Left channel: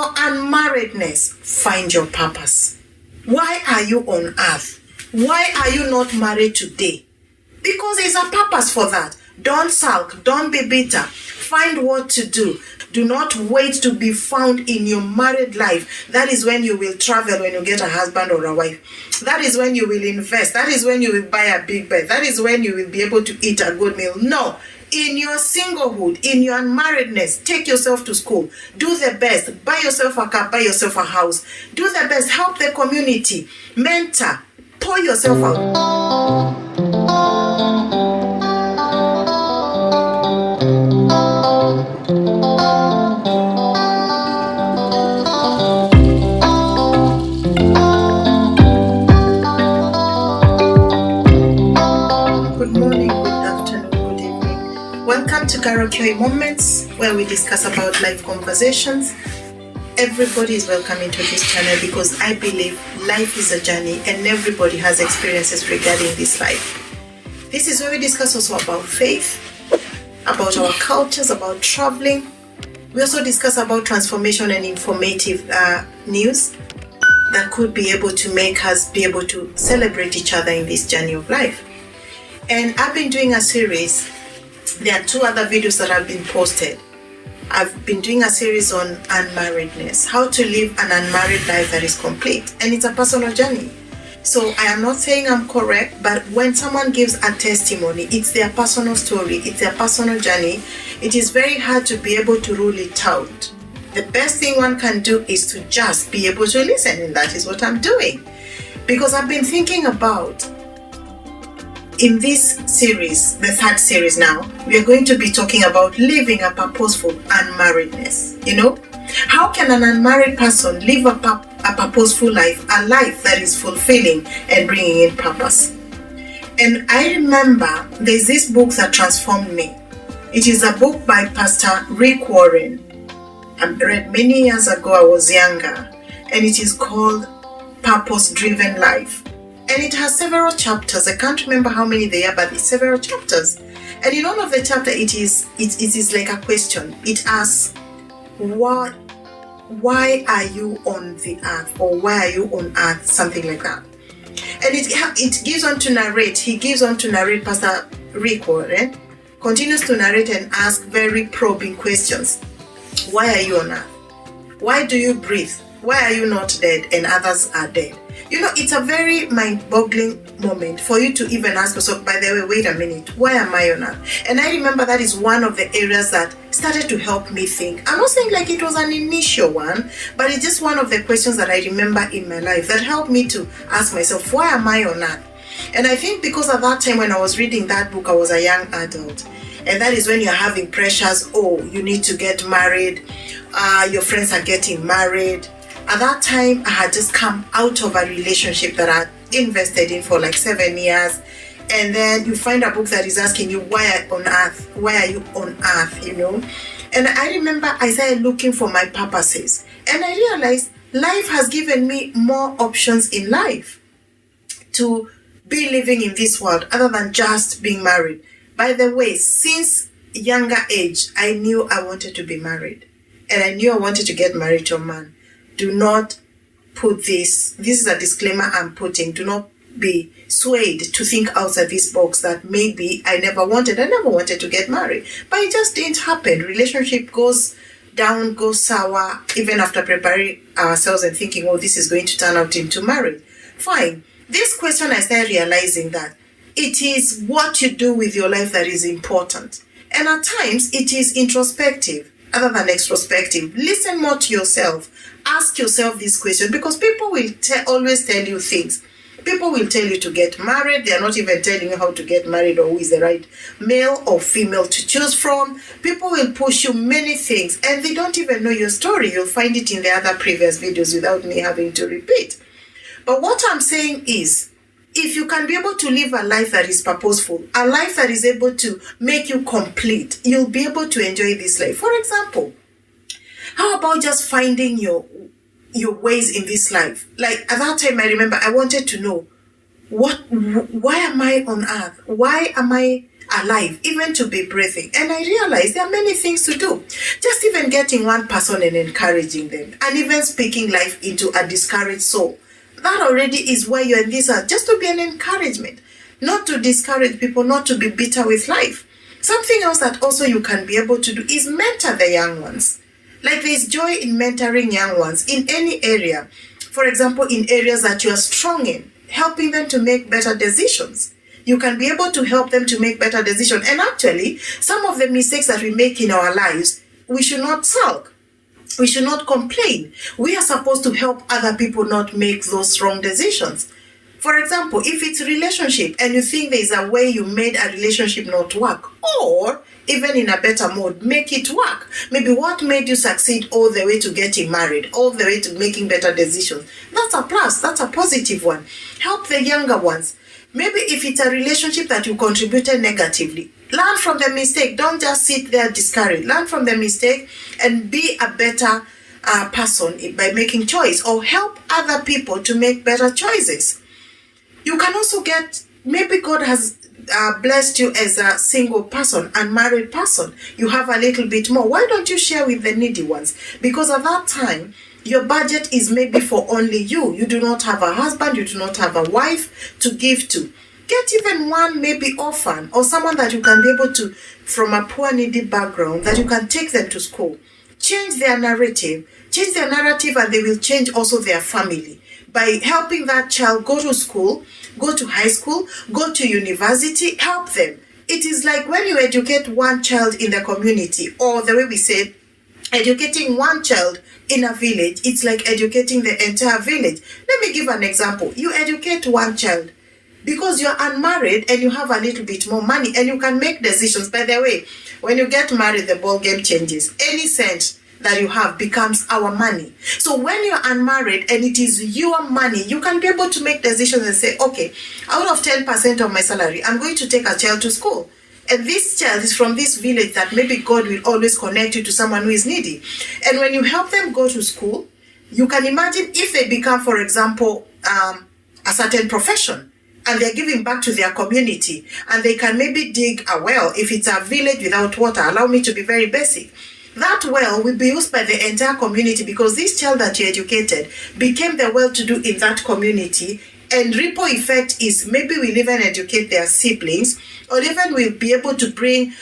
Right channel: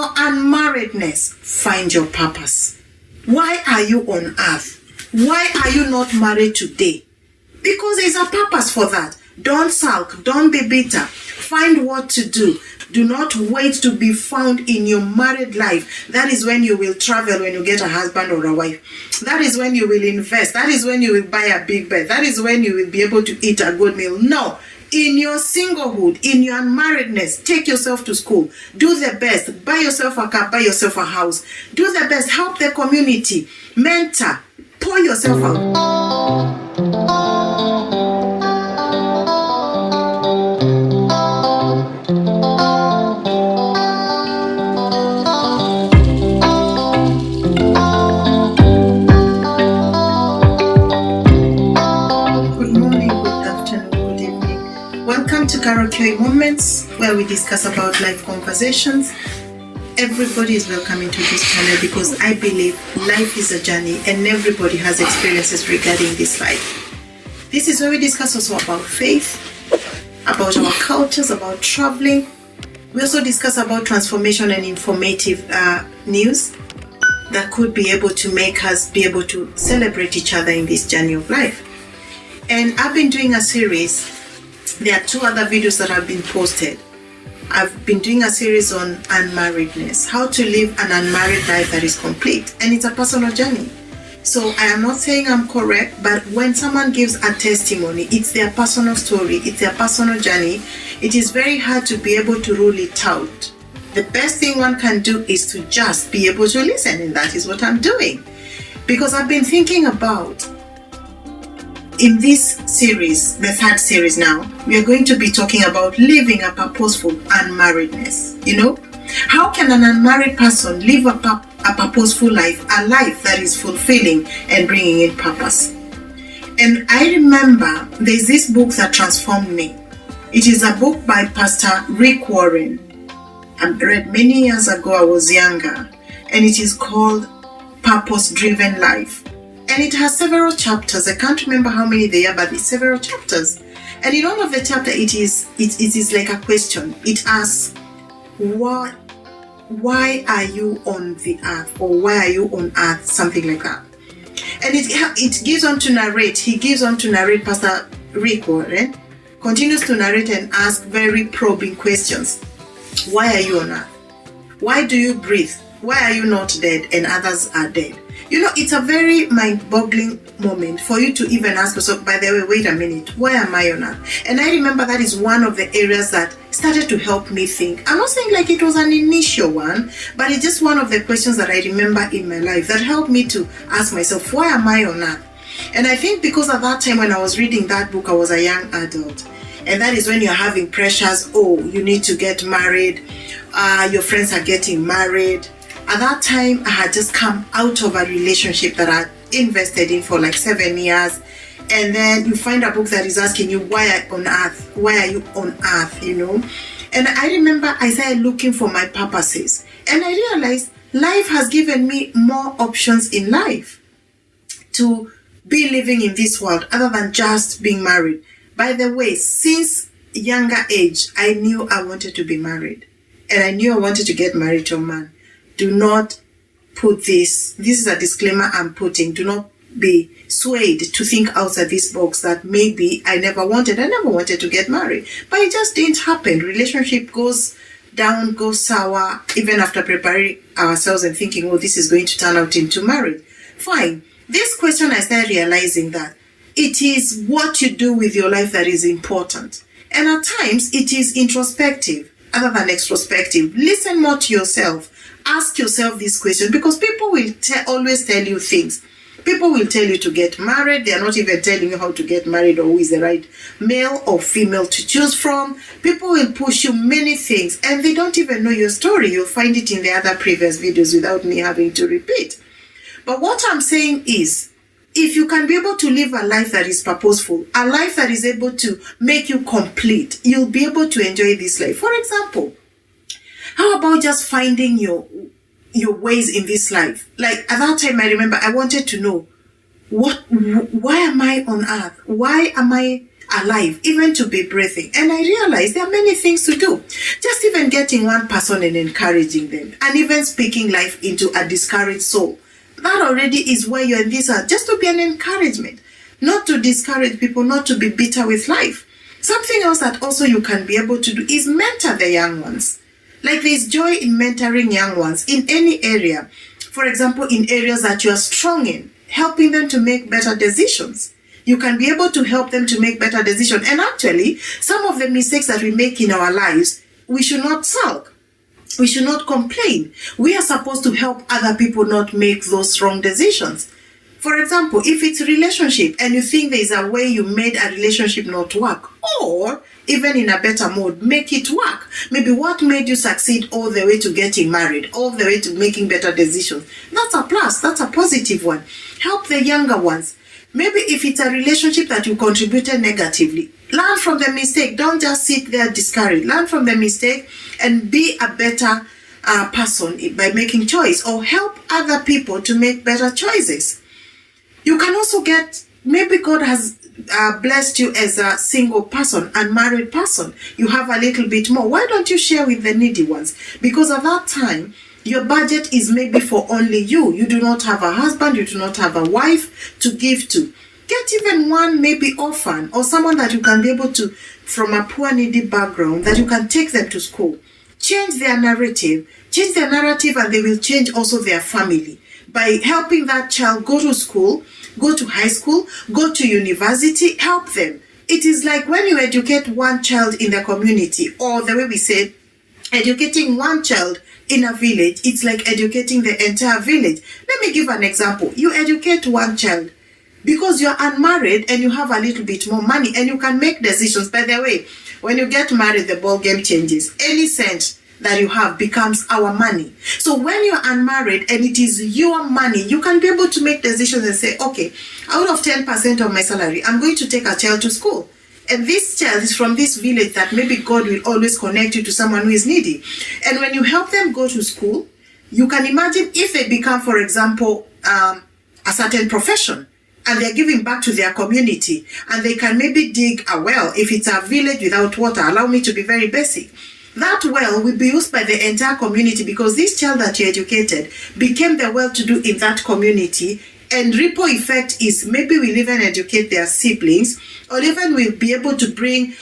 your unmarriedness, find your purpose. Why are you on earth? Why are you not married today? Because there's a purpose for that. Don't sulk. Don't be bitter. Find what to do. Do not wait to be found in your married life. That is when you will travel, when you get a husband or a wife. That is when you will invest. That is when you will buy a big bed. That is when you will be able to eat a good meal. No. In your singlehood, in your unmarriedness, take yourself to school. Do the best. Buy yourself a car. Buy yourself a house. Do the best. Help the community. Mentor. Pour yourself out. Karaoke moments where we discuss about life conversations. Everybody is welcome into this channel because I believe life is a journey and everybody has experiences regarding this life. This is where we discuss also about faith, about our cultures, about traveling. We also discuss about transformation and informative news that could be able to make us be able to celebrate each other in this journey of life. And I've been doing a series. There are 2 other videos that have been posted. I've been doing a series on unmarriedness, how to live an unmarried life that is complete, and it's a personal journey. So I am not saying I'm correct, but when someone gives a testimony, it's their personal story, it's their personal journey. It is very hard to be able to rule it out. The best thing one can do is to just be able to listen, and that is what I'm doing. Because I've been thinking about, in this series, the 3rd series now, we are going to be talking about living a purposeful unmarriedness. You know, how can an unmarried person live a purposeful life, a life that is fulfilling and bringing in purpose? And I remember there's this book that transformed me. It is a book by Pastor Rick Warren. I read many years ago, I was younger, and it is called Purpose-Driven Life. And it has several chapters. I can't remember how many they are, but it's several chapters. And in all of the chapter, it is like a question. It asks, why are you on the earth? Or why are you on earth? Something like that. And it gives on to narrate. He gives on to narrate. Pastor Rick Warren continues to narrate and ask very probing questions. Why are you on earth? Why do you breathe? Why are you not dead and others are dead? You know, it's a very mind-boggling moment for you to even ask yourself, by the way, wait a minute, why am I on earth? And I remember that is one of the areas that started to help me think. I'm not saying like it was an initial one, but it's just one of the questions that I remember in my life that helped me to ask myself, why am I on earth? And I think because at that time when I was reading that book, I was a young adult. And that is when you're having pressures. Oh, you need to get married. Your friends are getting married. At that time, I had just come out of a relationship that I had invested in for like 7 years. And then you find a book that is asking you, why are you on earth? Why are you on earth, you know? And I remember I started looking for my purposes. And I realized life has given me more options in life to be living in this world other than just being married. By the way, since younger age, I knew I wanted to be married. And I knew I wanted to get married to a man. Do not put this is a disclaimer I'm putting, do not be swayed to think outside this box that maybe I never wanted to get married. But it just didn't happen. Relationship goes down, goes sour, even after preparing ourselves and thinking, oh, this is going to turn out into marriage. Fine. This question, I started realizing that it is what you do with your life that is important. And at times, it is introspective other than extrospective. Listen more to yourself. Ask yourself these questions because people will always tell you things. People will tell you to get married. They are not even telling you how to get married or who is the right male or female to choose from. People will push you many things and they don't even know your story. You'll find it in the other previous videos without me having to repeat. But what I'm saying is, if you can be able to live a life that is purposeful, a life that is able to make you complete, you'll be able to enjoy this life. For example, how about just finding your ways in this life? Like at that time, I remember I wanted to know why am I on earth? Why am I alive, even to be breathing. And I realized there are many things to do. Just even getting one person and encouraging them, and even speaking life into a discouraged soul. That already is why you're in this earth, just to be an encouragement, not to discourage people, not to be bitter with life. Something else that also you can be able to do is mentor the young ones. Like there's joy in mentoring young ones in any area. For example, in areas that you are strong in, helping them to make better decisions. You can be able to help them to make better decisions. And actually, some of the mistakes that we make in our lives, we should not sulk. We should not complain. We are supposed to help other people not make those wrong decisions. For example, if it's a relationship and you think there's a way you made a relationship not work, or even in a better mode, make it work. Maybe what made you succeed all the way to getting married, all the way to making better decisions. That's a plus. That's a positive one. Help the younger ones. Maybe if it's a relationship that you contributed negatively, learn from the mistake. Don't just sit there discouraged. Learn from the mistake and be a better person by making choice, or help other people to make better choices. You can also get, maybe God has blessed you as a single person, unmarried person. You have a little bit more. Why don't you share with the needy ones? Because at that time, your budget is maybe for only you. You do not have a husband, you do not have a wife to give to. Get even one maybe orphan, or someone that you can be able to, from a poor needy background, that you can take them to school. Change their narrative, and they will change also their family. By helping that child go to school, go to high school, go to university, help them. It is like when you educate one child in the community, or the way we said, educating one child in a village, it's like educating the entire village. Let me give an example. You educate one child because you're unmarried and you have a little bit more money and you can make decisions. By the way, when you get married, the ball game changes. Any cent that you have becomes our money. So when you're unmarried and it is your money, you can be able to make decisions and say, okay, out of 10% of my salary, I'm going to take a child to school. And this child is from this village that maybe God will always connect you to someone who is needy. And when you help them go to school, you can imagine if they become, for example, a certain profession, and they're giving back to their community, and they can maybe dig a well. If it's a village without water, allow me to be very basic. That well will be used by the entire community, because this child that you educated became the well-to-do in that community. And ripple effect is maybe we'll even educate their siblings, or even we'll be able to bring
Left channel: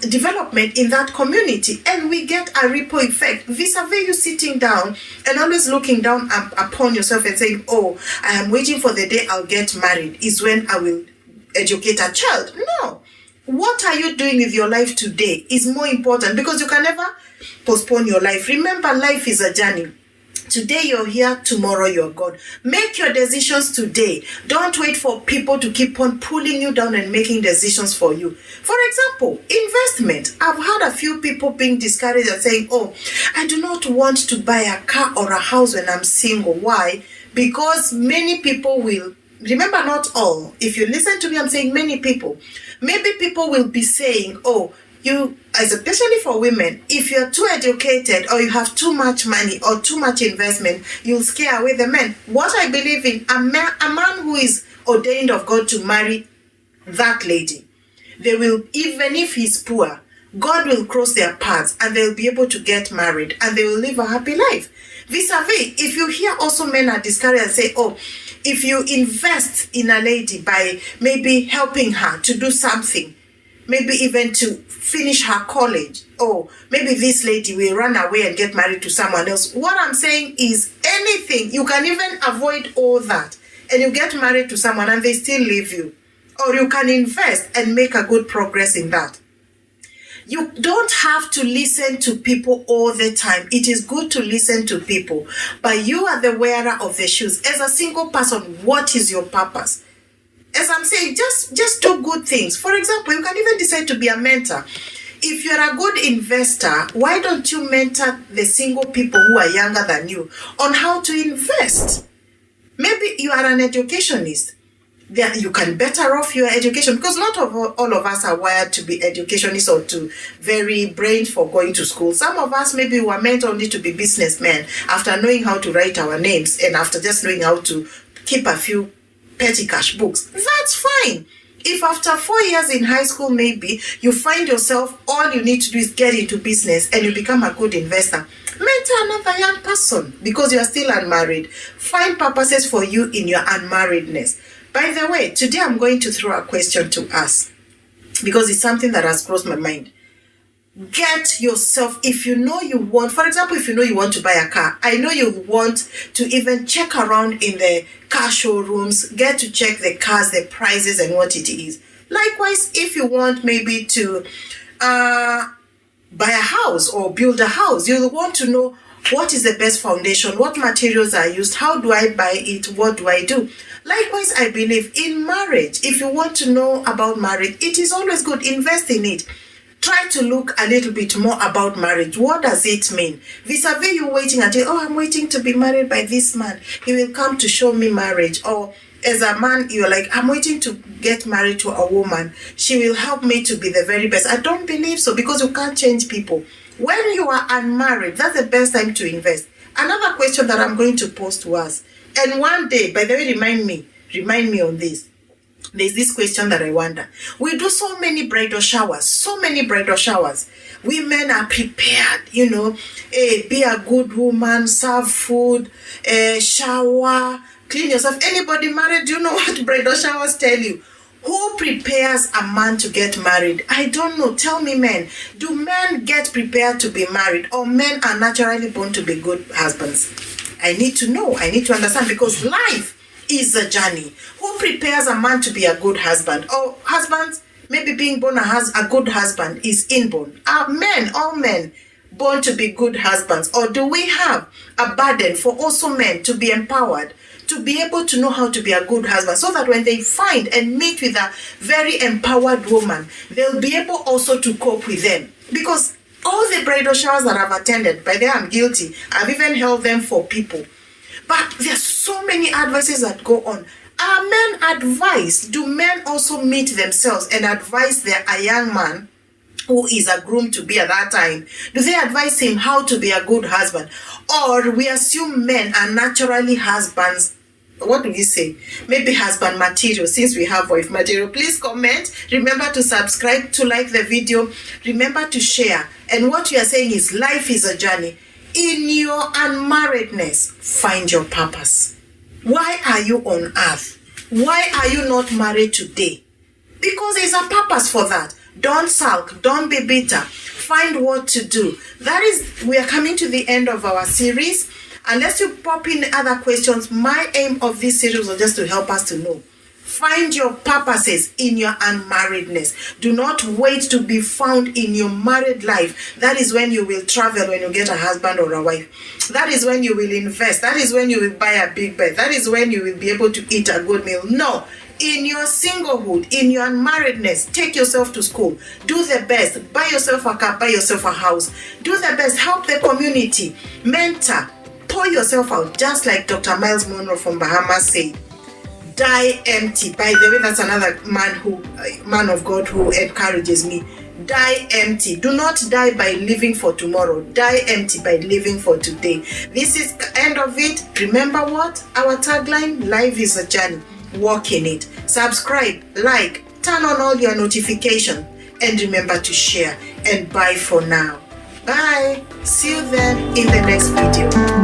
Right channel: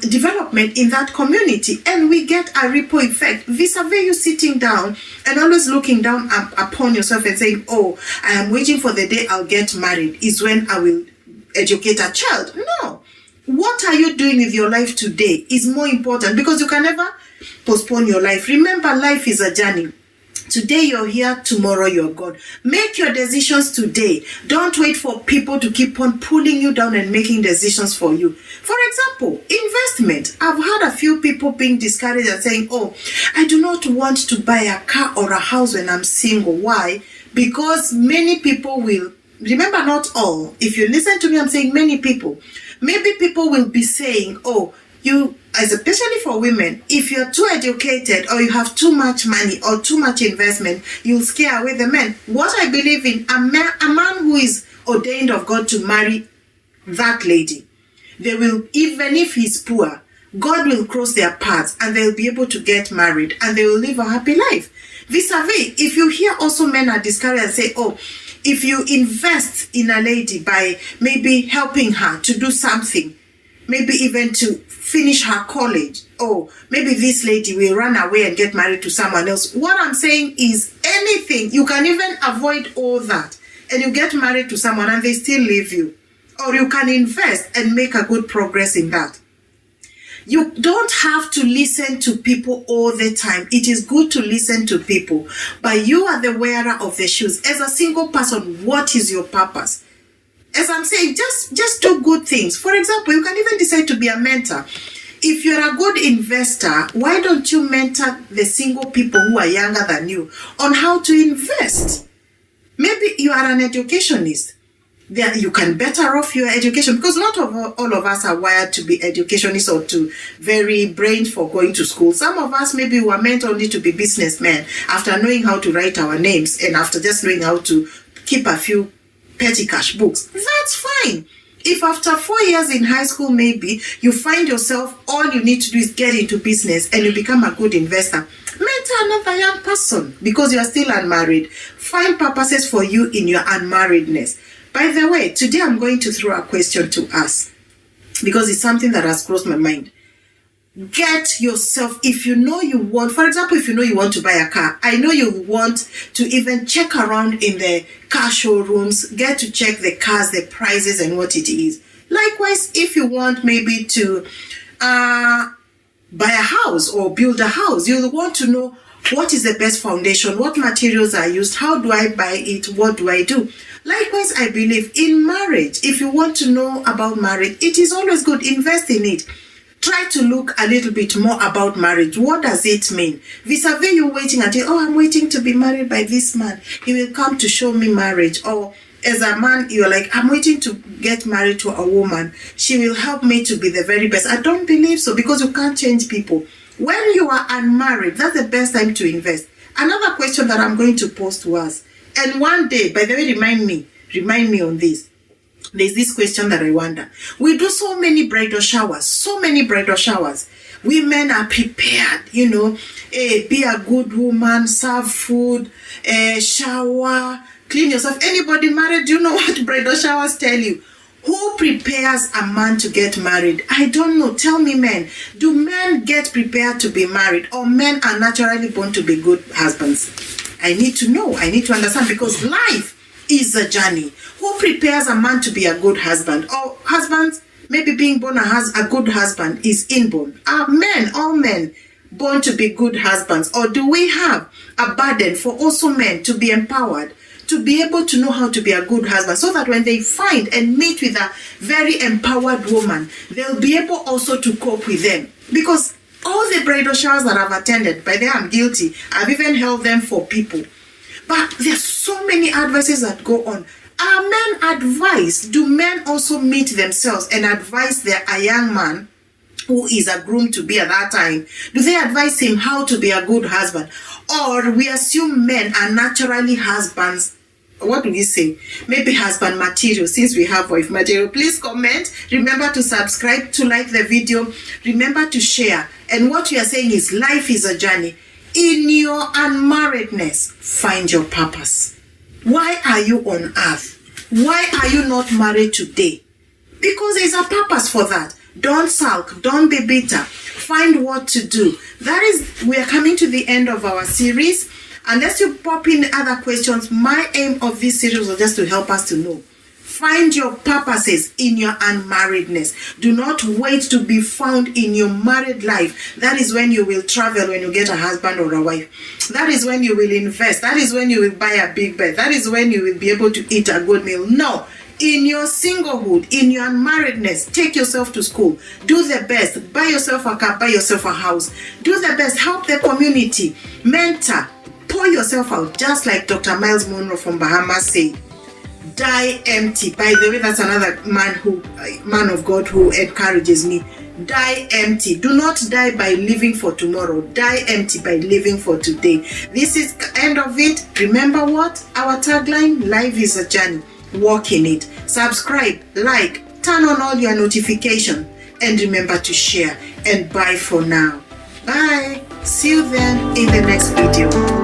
development in that community. And we get a ripple effect vis-a-vis you sitting down and always looking down upon yourself and saying, oh, I am waiting for the day I'll get married is when I will educate a child. No. What are you doing with your life today is more important, because you can never postpone your life. Remember, life is a journey. Today you're here, tomorrow you're gone. Make your decisions today. Don't wait for people to keep on pulling you down and making decisions for you. For example, investment. I've heard a few people being discouraged and saying, oh, I do not want to buy a car or a house when I'm single. Why? Because many people will, remember, not all. If you listen to me, I'm saying many people. Maybe people will be saying, oh, you, especially for women, if you're too educated or you have too much money or too much investment, you'll scare away the men. What I believe in, a man who is ordained of God to marry that lady, they will, even if he's poor, God will cross their paths and they'll be able to get married and they will live a happy life. Vis-a-vis, if you hear also men are discouraged and say, oh, if you invest in a lady by maybe helping her to do something, maybe even to finish her college, or maybe this lady will run away and get married to someone else. What I'm saying is anything, you can even avoid all that and you get married to someone and they still leave you. Or you can invest and make a good progress in that. You don't have to listen to people all the time. It is good to listen to people, but you are the wearer of the shoes. As a single person, what is your purpose? As I'm saying, just do good things. For example, you can even decide to be a mentor. If you're a good investor, why don't you mentor the single people who are younger than you on how to invest? Maybe you are an educationist. There, you can better off your education, because not all of us are wired to be educationists or to very brained for going to school. Some of us maybe were meant only to be businessmen after knowing how to write our names and after just knowing how to keep a few petty cash books. That's fine. If after 4 years in high school, maybe you find yourself, all you need to do is get into business and you become a good investor, mentor another young person because you are still unmarried. Find purposes for you in your unmarriedness. By the way, today I'm going to throw a question to us because it's something that has crossed my mind. Get yourself, if you know you want, for example, if you know you want to buy a car, I know you want to even check around in the car showrooms, get to check the cars, the prices and what it is. Likewise, if you want maybe to buy a house or build a house, you'll want to know what is the best foundation, what materials are used, how do I buy it, what do I do? Likewise, I believe in marriage, if you want to know about marriage, it is always good, invest in it. Try to look a little bit more about marriage. What does it mean? Vis-a-vis you waiting until, I'm waiting to be married by this man. He will come to show me marriage. Or as a man, you're like, I'm waiting to get married to a woman. She will help me to be the very best. I don't believe so because you can't change people. When you are unmarried, that's the best time to invest. Another question that I'm going to pose to us. And one day, by the way, remind me on this. There's this question that I wonder. We do so many bridal showers. Women are prepared, be a good woman, serve food, shower, clean yourself. Anybody married, do you know what bridal showers tell you? Who prepares a man to get married? I don't know. Tell me, men. Do men get prepared to be married or men are naturally born to be good husbands? I need to know. I need to understand because life is a journey. Who prepares a man to be a good husband? Or husbands, maybe being born a good husband is inborn. Are men, all men, born to be good husbands? Or do we have a burden for also men to be empowered, to be able to know how to be a good husband, so that when they find and meet with a very empowered woman, they'll be able also to cope with them? Because all the bridal showers that I've attended, by the way, I'm guilty. I've even held them for people. But there's so many advices that go on. Are men advised? Do men also meet themselves and advise a young man who is a groom to be at that time? Do they advise him how to be a good husband? Or we assume men are naturally husbands? What do we say? Maybe husband material, since we have wife material. Please comment. Remember to subscribe, to like the video. Remember to share. And what we are saying is life is a journey. In your unmarriedness, find your purpose. Why are you on earth? Why are you not married today? Because there's a purpose for that. Don't sulk. Don't be bitter. Find what to do. We are coming to the end of our series. Unless you pop in other questions, my aim of this series was just to help us to know. Find your purposes in your unmarriedness. Do not wait to be found in your married life. That is when you will travel when you get a husband or a wife. That is when you will invest. That is when you will buy a big bed. That is when you will be able to eat a good meal. No. In your singlehood, in your unmarriedness, take yourself to school. Do the best. Buy yourself a car. Buy yourself a house. Do the best. Help the community. Mentor. Pour yourself out. Just like Dr. Miles Monroe from Bahamas said. Die empty. By the way, that's another man of God who encourages me. Die empty. Do not die by living for tomorrow. Die empty by living for today. This is the end of it. Remember what? Our tagline, life is a journey. Walk in it. Subscribe, like, turn on all your notifications, and remember to share. And bye for now. Bye. See you then in the next video.